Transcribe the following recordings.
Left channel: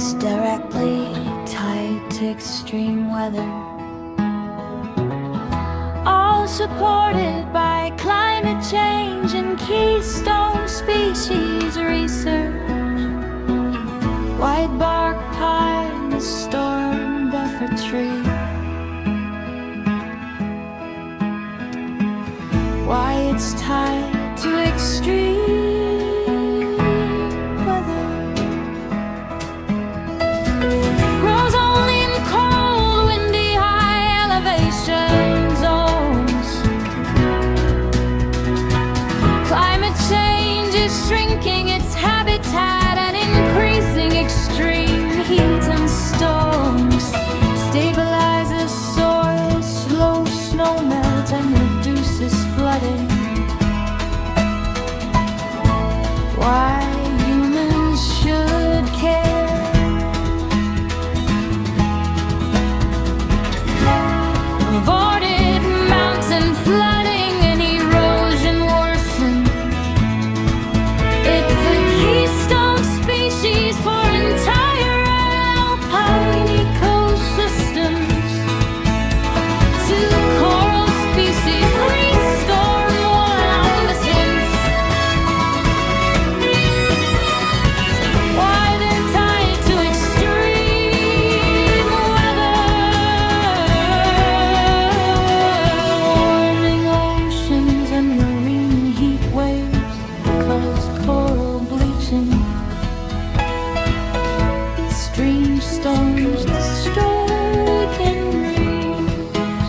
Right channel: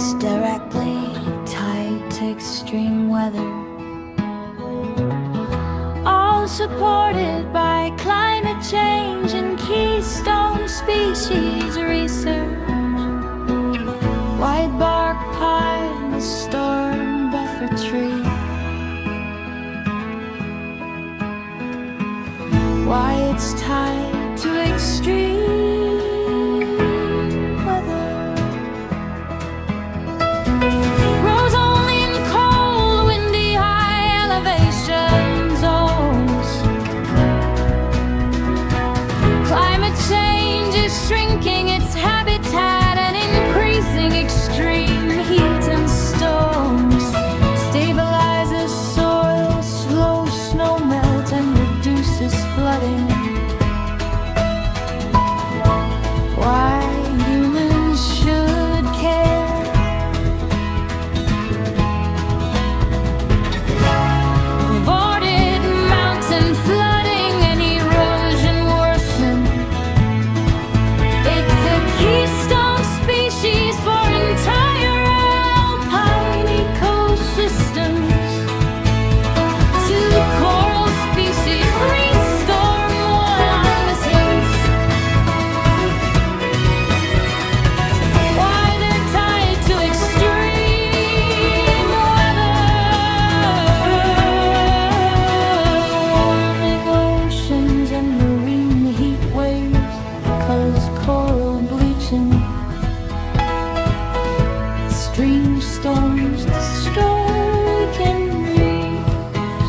is directly tied to extreme weather, all supported by climate change and keystone species research. Whitebark pine is storm buffer tree. Why it's tied to extreme weather. Grows only in cold, windy, high elevation zones. Climate change is shrinking its habitat and increasing extreme heat and storms. Stabilizes soil, slow snowmelt, and reduces flooding. Why humans should care. Aborted mountain flooding and erosion worsen. It's a keystone species for entire alpine ecosystems. Two coral species restore one on the sinks. Why they're tied to extreme weather. Warming oceans and marine heat waves cause coral bleaching. Extreme storms destroy weekend reefs.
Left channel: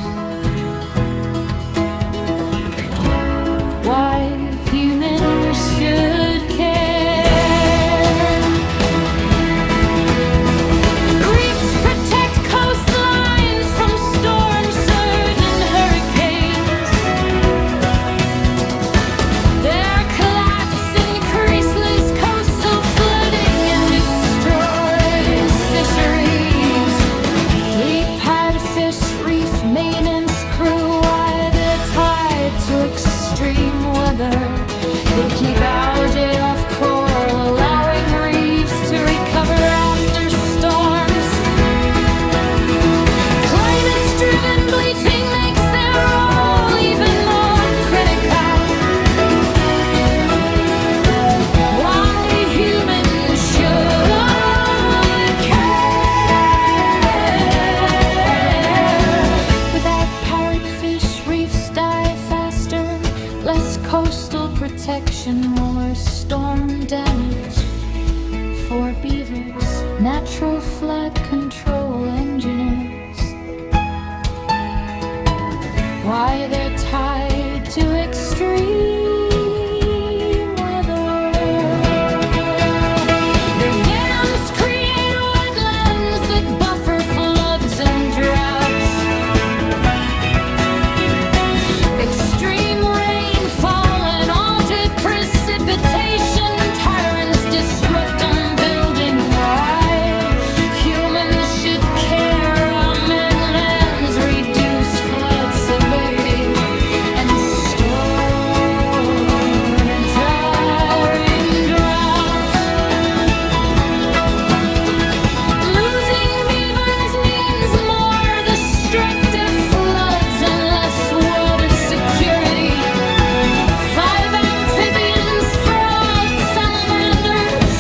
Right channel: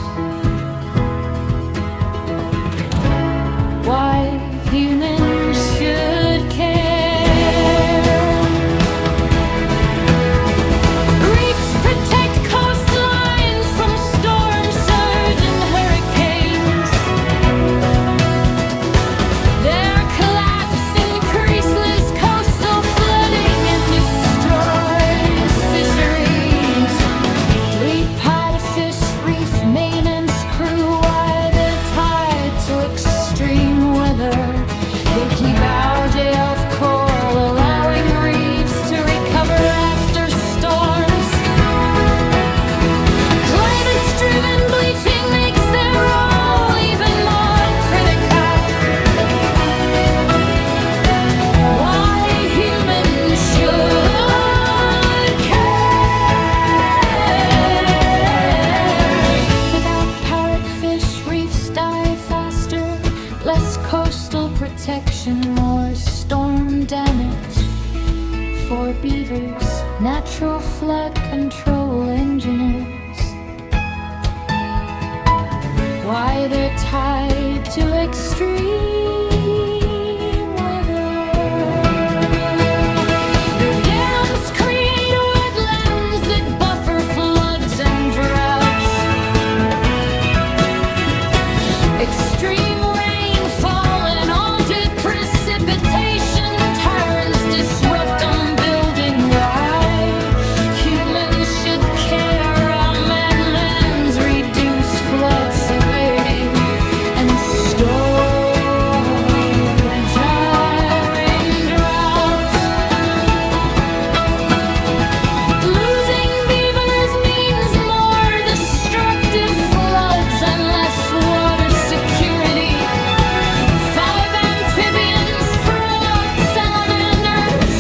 Why humans should care. Reefs protect coastlines from storm surge and hurricanes. Their collapse increases coastal flooding and destroys fisheries. Three-pied fish reef maintenance crew, why they're tied to extreme weather. They keep algae off coral, allowing reefs to recover after storms. Climate-driven bleaching makes their role even more critical. Why humans should care. Without parrotfish, reefs die faster. Less coastal protection, more storm damage. For beavers, natural flood control engineers. Why they're tied to extreme weather. Their dams create wetlands that buffer floods and droughts. Extreme rainfall and altered precipitation tyrants disrupt building. Why humans should care. Our mainlands reduce flood severity and store dry droughts. Losing beavers means more destructive floods and less water security. 5 amphibians, frogs, salamanders.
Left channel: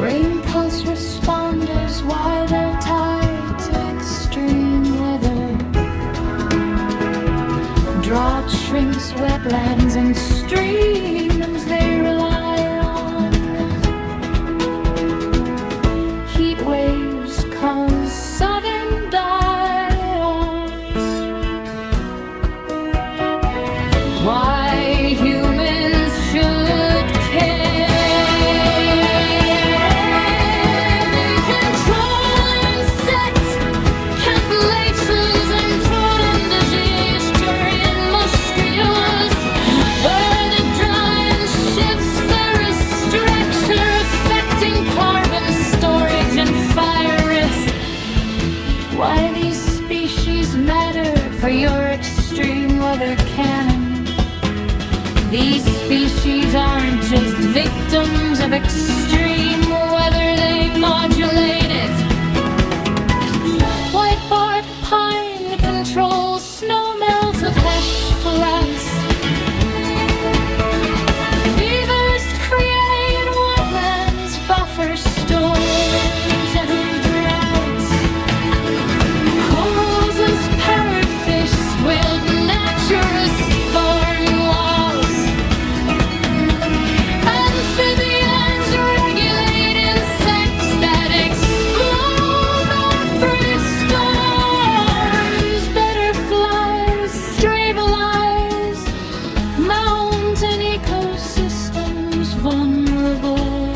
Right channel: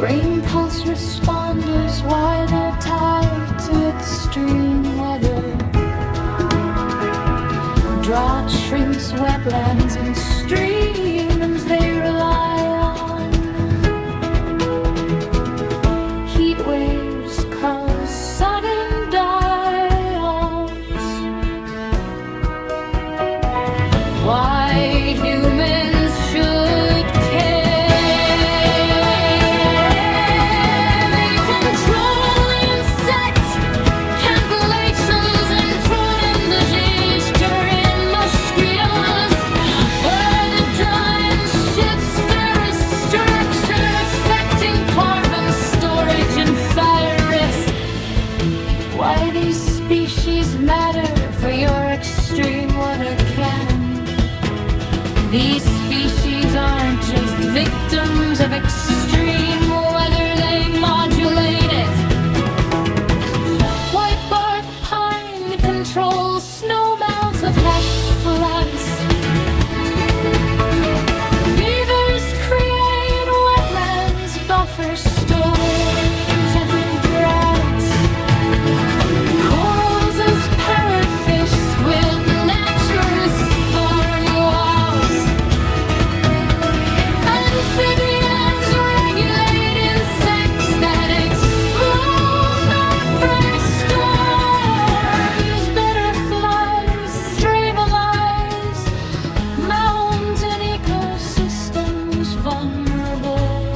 Rain pulse responders, why they're tied to extreme weather. Drought shrinks wetlands and streams they rely on. Heat waves cause sudden die-offs. Why humans should care. They control insects, capillations, and food indigestion in mosquitoes. Dry species aren't just victims of extreme weather, they modulate it. Whitebark pine controls snowmelt of hash flats. Beavers create wetlands, buffer storms and droughts. Corals as parrotfish build nature's thorn walls. Amphibians regulate insects that explode after storms. Butterflies stabilize mountain ecosystems vulnerable.